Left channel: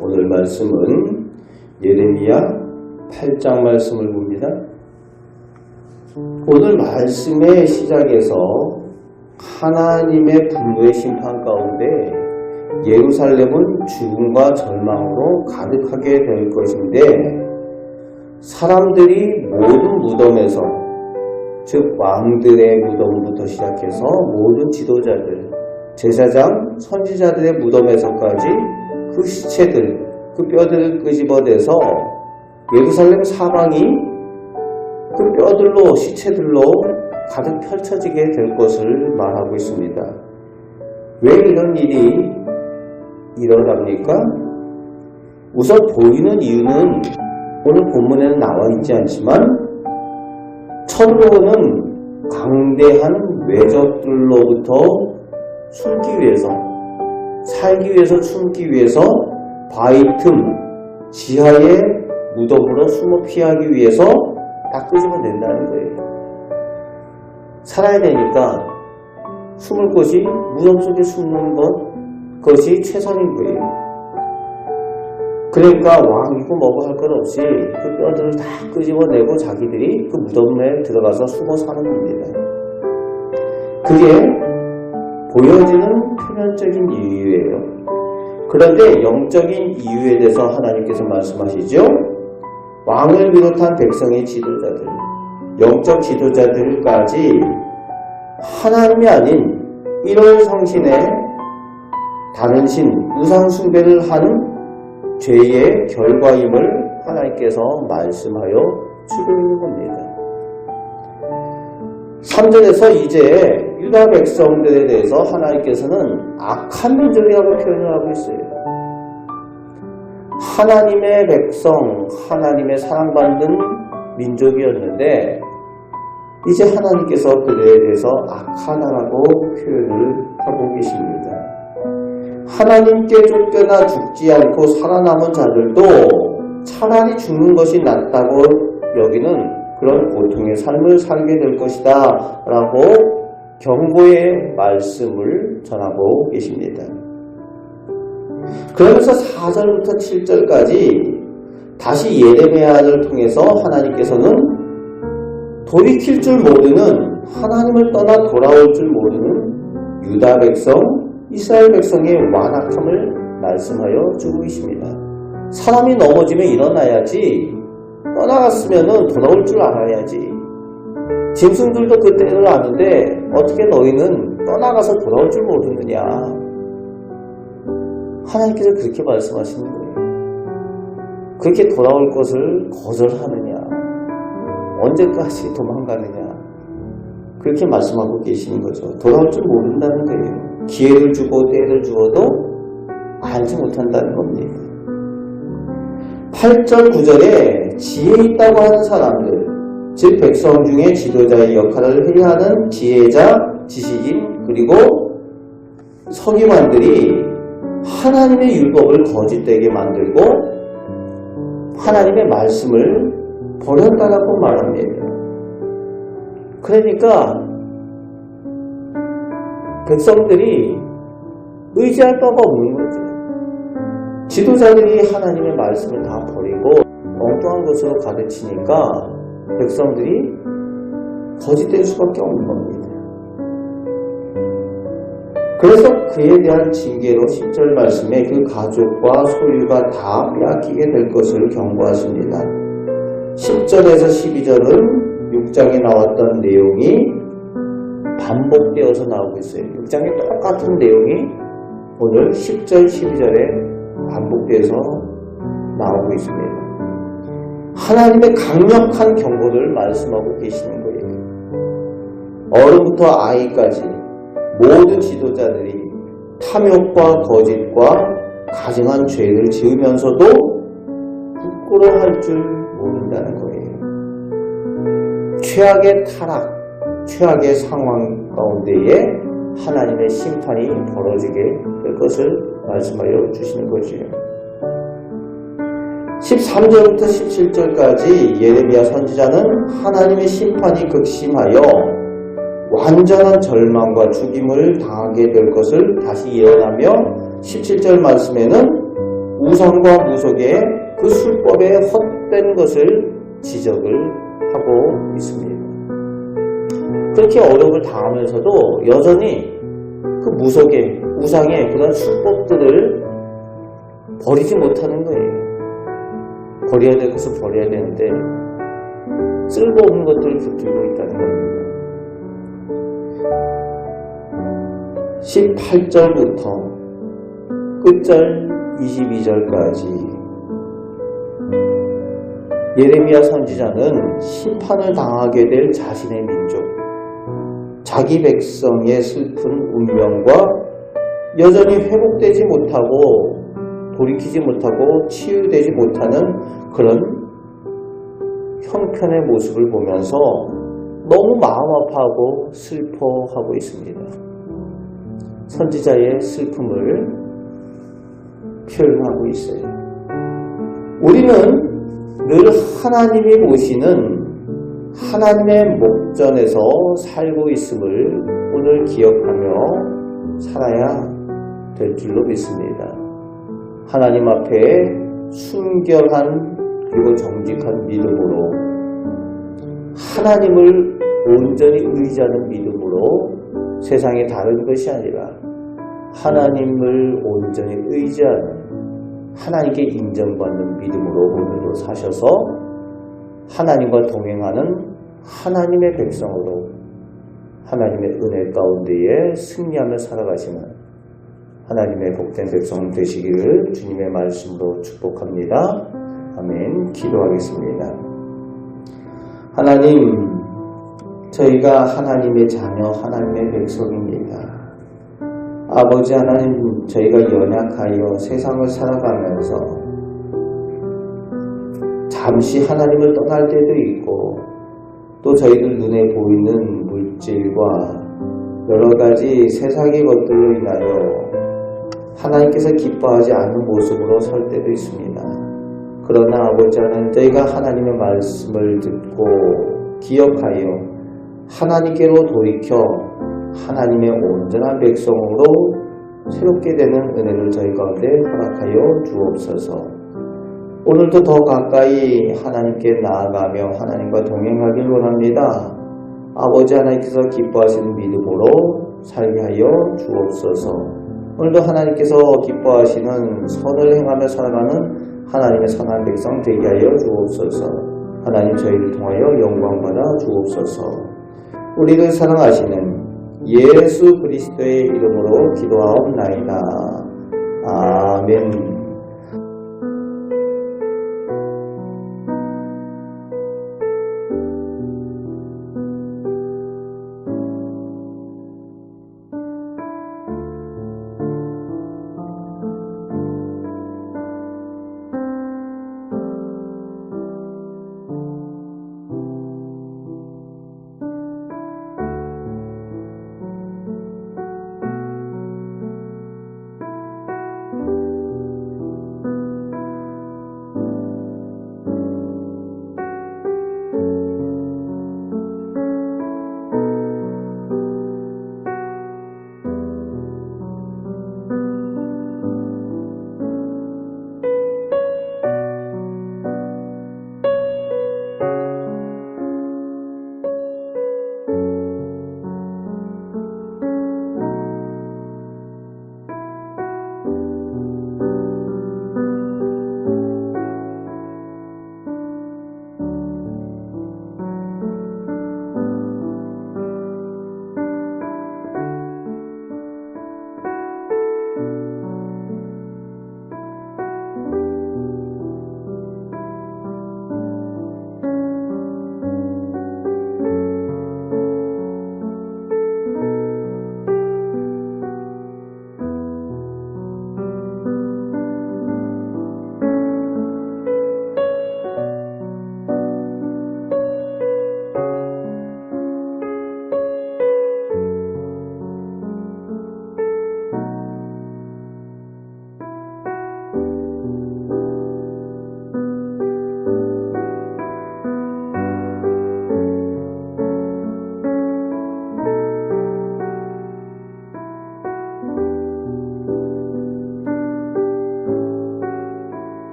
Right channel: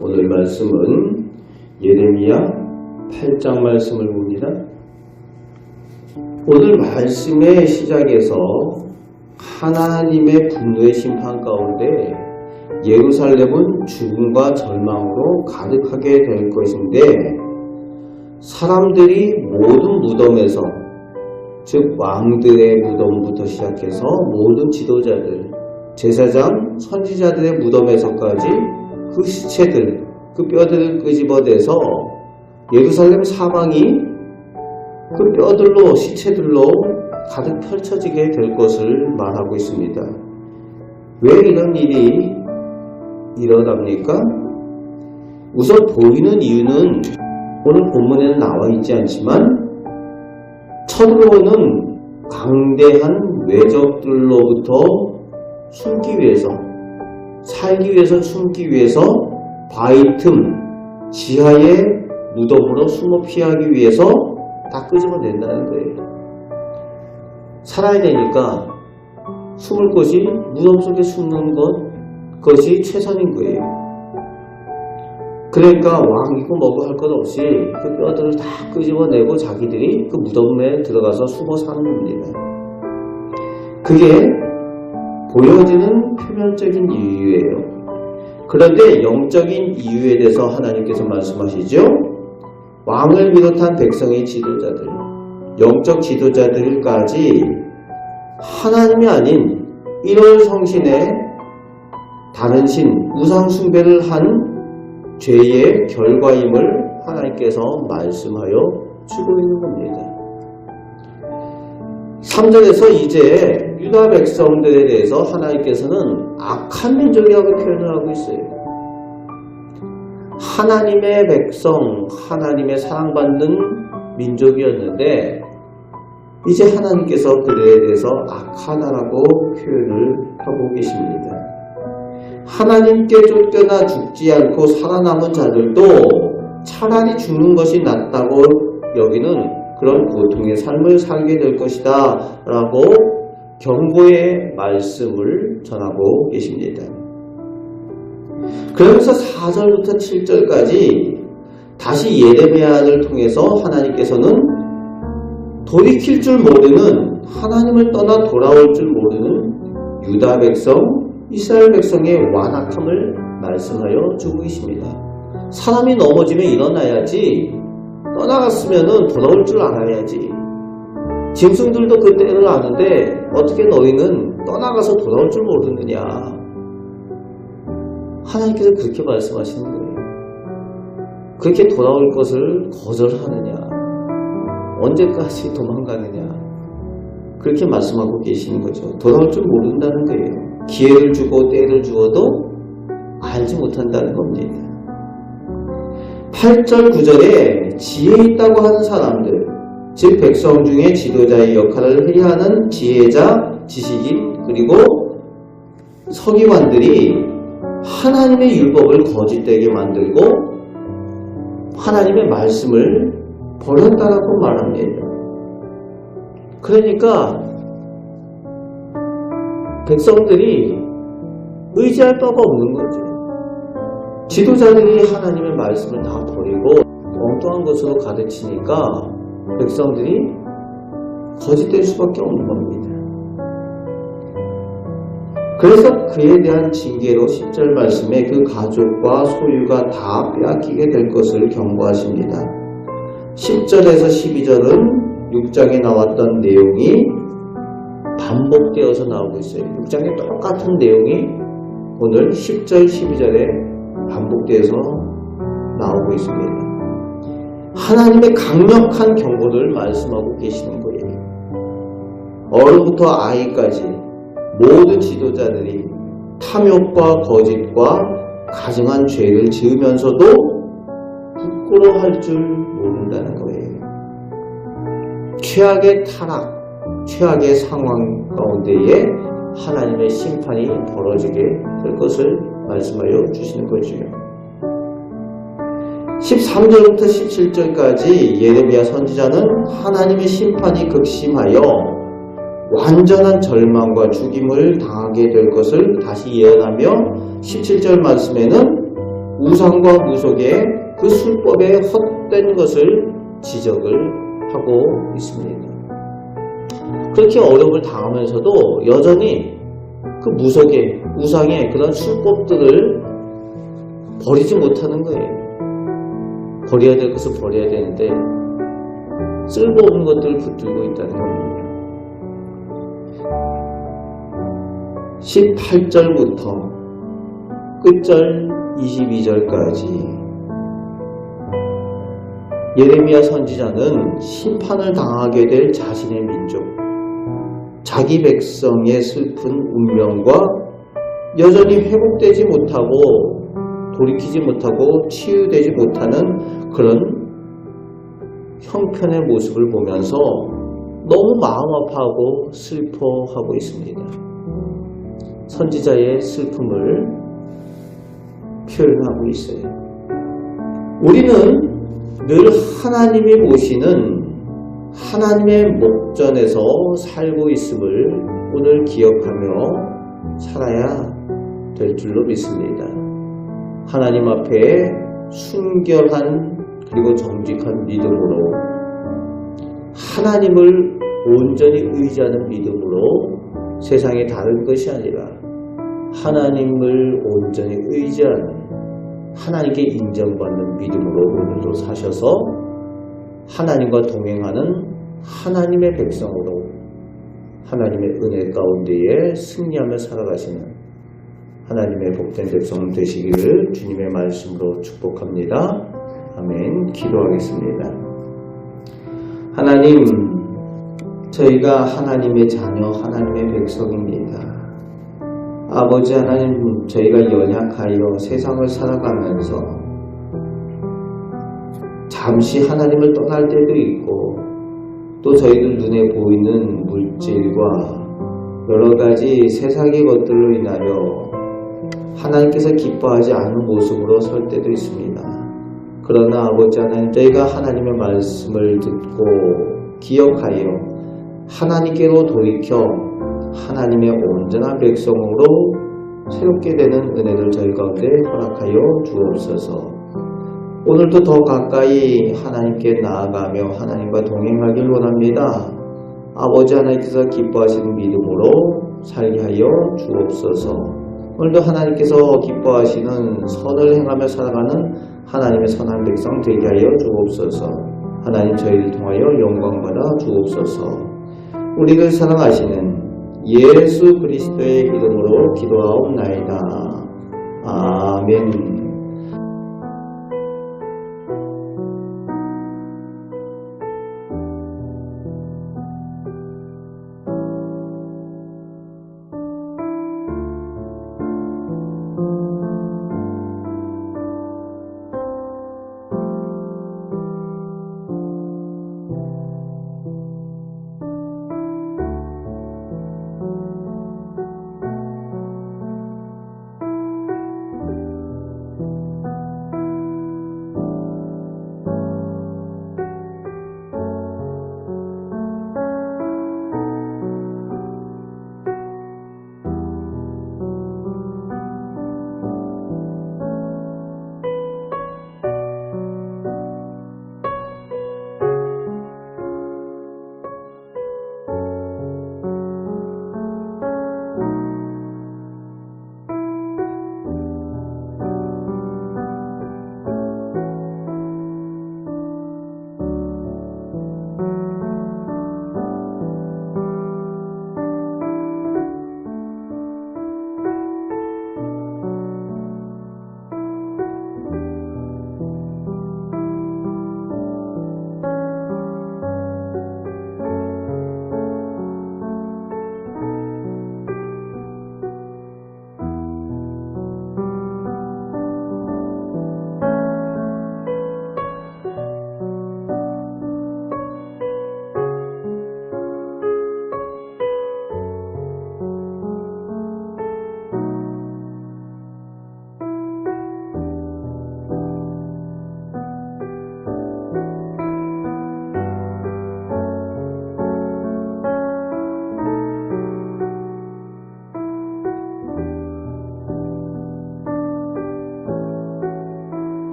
오늘 말씀은 예레미야 8장 말씀을 봅니다. 오늘 말씀의 시작에서 하나님의 분노의 심판 가운데 예루살렘은 죽음과 절망으로 가득하게 될 것인데, 사람들이 모든 무덤에서, 즉 왕들의 무덤부터 시작해서 모든 지도자들, 제사장, 선지자들의 무덤에서까지 그 시체들, 그 뼈들을 끄집어내서 예루살렘 사방이 그 뼈들로, 시체들로 가득 펼쳐지게 될 것을 말하고 있습니다. 왜 이런 일이 일어납니까? 우선 보이는 이유는 오늘 본문에는 나와 있지 않지만, 첫으로는 강대한 외적들로부터 숨기 위해서, 살기 위해서, 숨기 위해서 바위 틈 지하의 무덤으로 숨어 피하기 위해서 다 끄집어낸다는 거예요. 살아야 되니까 숨을 곳이 무덤 속에 숨는 것이 최선인 거예요. 그러니까 왕이고 뭐고 할 것 없이 그 뼈들을 다 끄집어내고 자기들이 그 무덤에 들어가서 숨어 사는 겁니다. 그게 보여지는 표면적인 이유예요. 그런데 영적인 이유에 대해서 하나님께서 말씀하시죠. 왕을 비롯한 백성의 지도자들, 영적 지도자들까지 하나님이 아닌 일월 성신의 다른 신, 우상 숭배를 한 죄의 결과임을 하나님께서 말씀하여 주고 있는 겁니다. 3절에서 이제 유다 백성들에 대해서 하나님께서는 악한 민족이라고 표현을 하고 있어요. 하나님의 백성, 하나님의 사랑받는 민족이었는데 이제 하나님께서 그들에 대해서 악하다라고 표현을 하고 계십니다. 하나님께 쫓겨나 죽지 않고 살아남은 자들도 차라리 죽는 것이 낫다고 여기는 그런 고통의 삶을 살게 될 것이다 라고 경고의 말씀을 전하고 계십니다. 그러면서 4절부터 7절까지 다시 예레미야를 통해서 하나님께서는 돌이킬 줄 모르는, 하나님을 떠나 돌아올 줄 모르는 유다 백성, 이스라엘 백성의 완악함을 말씀하여 주고 계십니다. 사람이 넘어지면 일어나야지, 떠나갔으면 돌아올 줄 알아야지. 짐승들도 그 때를 아는데 어떻게 너희는 떠나가서 돌아올 줄 모르느냐. 하나님께서 그렇게 말씀하시는 거예요. 그렇게 돌아올 것을 거절하느냐, 언제까지 도망가느냐, 그렇게 말씀하고 계시는 거죠. 돌아올 줄 모른다는 거예요. 기회를 주고 때를 주어도 알지 못한다는 겁니다. 8절 9절에 지혜 있다고 하는 사람들, 즉 백성 중에 지도자의 역할을 해야 하는 지혜자, 지식인, 그리고 서기관들이 하나님의 율법을 거짓되게 만들고 하나님의 말씀을 버렸다라고 말합니다. 그러니까 백성들이 의지할 바가 없는 거죠. 지도자들이 하나님의 말씀을 다 버리고 엉뚱한 것으로 가르치니까 백성들이 거짓될 수밖에 없는 겁니다. 그래서 그에 대한 징계로 10절 말씀에 그 가족과 소유가 다 빼앗기게 될 것을 경고하십니다. 10절에서 12절은 6장에 나왔던 내용이 반복되어서 나오고 있어요. 6장에 똑같은 내용이 오늘 10절, 12절에 반복되어서 나오고 있습니다. 하나님의 강력한 경고를 말씀하고 계시는 거예요. 어른부터 아이까지 모든 지도자들이 탐욕과 거짓과 가증한 죄를 지으면서도 부끄러워할 줄 모른다는 거예요. 최악의 타락, 최악의 상황 가운데에 하나님의 심판이 벌어지게 될 것을 말씀하여 주시는 거죠. 13절부터 17절까지 예레미야 선지자는 하나님의 심판이 극심하여 완전한 절망과 죽임을 당하게 될 것을 다시 예언하며 17절 말씀에는 우상과 무속의 그 술법에 헛된 것을 지적을 하고 있습니다. 그렇게 어려움을 당하면서도 여전히 그 무속의 우상의 그런 술법들을 버리지 못하는 거예요. 버려야 될 것을 버려야 되는데 쓸모없는 것들을 붙들고 있다는 겁니다. 18절부터 끝절 22절까지 예레미야 선지자는 심판을 당하게 될 자신의 민족, 자기 백성의 슬픈 운명과 여전히 회복되지 못하고 돌이키지 못하고 치유되지 못하는 그런 형편의 모습을 보면서 너무 마음 아파하고 슬퍼하고 있습니다. 선지자의 슬픔을 표현하고 있어요. 우리는 늘 하나님이 보시는 하나님의 목전에서 살고 있음을 오늘 기억하며 살아야 될 줄로 믿습니다. 하나님 앞에 순결한 그리고 정직한 믿음으로 하나님을 온전히 의지하는 믿음으로 세상에 다른 것이 아니라 하나님을 온전히 의지하는 하나님께 인정받는 믿음으로 오늘도 사셔서 하나님과 동행하는 하나님의 백성으로 하나님의 은혜 가운데에 승리하며 살아가시는 하나님의 복된 백성 되시기를 주님의 말씀으로 축복합니다. 아멘. 기도하겠습니다. 하나님, 저희가 하나님의 자녀, 하나님의 백성입니다. 아버지 하나님, 저희가 연약하여 세상을 살아가면서 잠시 하나님을 떠날 때도 있고 또 저희들 눈에 보이는 물질과 여러 가지 세상의 것들로 인하여 하나님께서 기뻐하지 않는 모습으로 설 때도 있습니다. 그러나 아버지 하나님, 저희가 하나님의 말씀을 듣고 기억하여 하나님께로 돌이켜 하나님의 온전한 백성으로 새롭게 되는 은혜를 저희 가운데 허락하여 주옵소서. 오늘도 더 가까이 하나님께 나아가며 하나님과 동행하길 원합니다. 아버지 하나님께서 기뻐하시는 믿음으로 살게 하여 주옵소서. 오늘도 하나님께서 기뻐하시는 선을 행하며 살아가는 하나님의 선한 백성 되게 하여 주옵소서. 하나님, 저희를 통하여 영광 받아 주옵소서. 우리를 사랑하시는 예수 그리스도의 이름으로 기도하옵나이다. 아멘.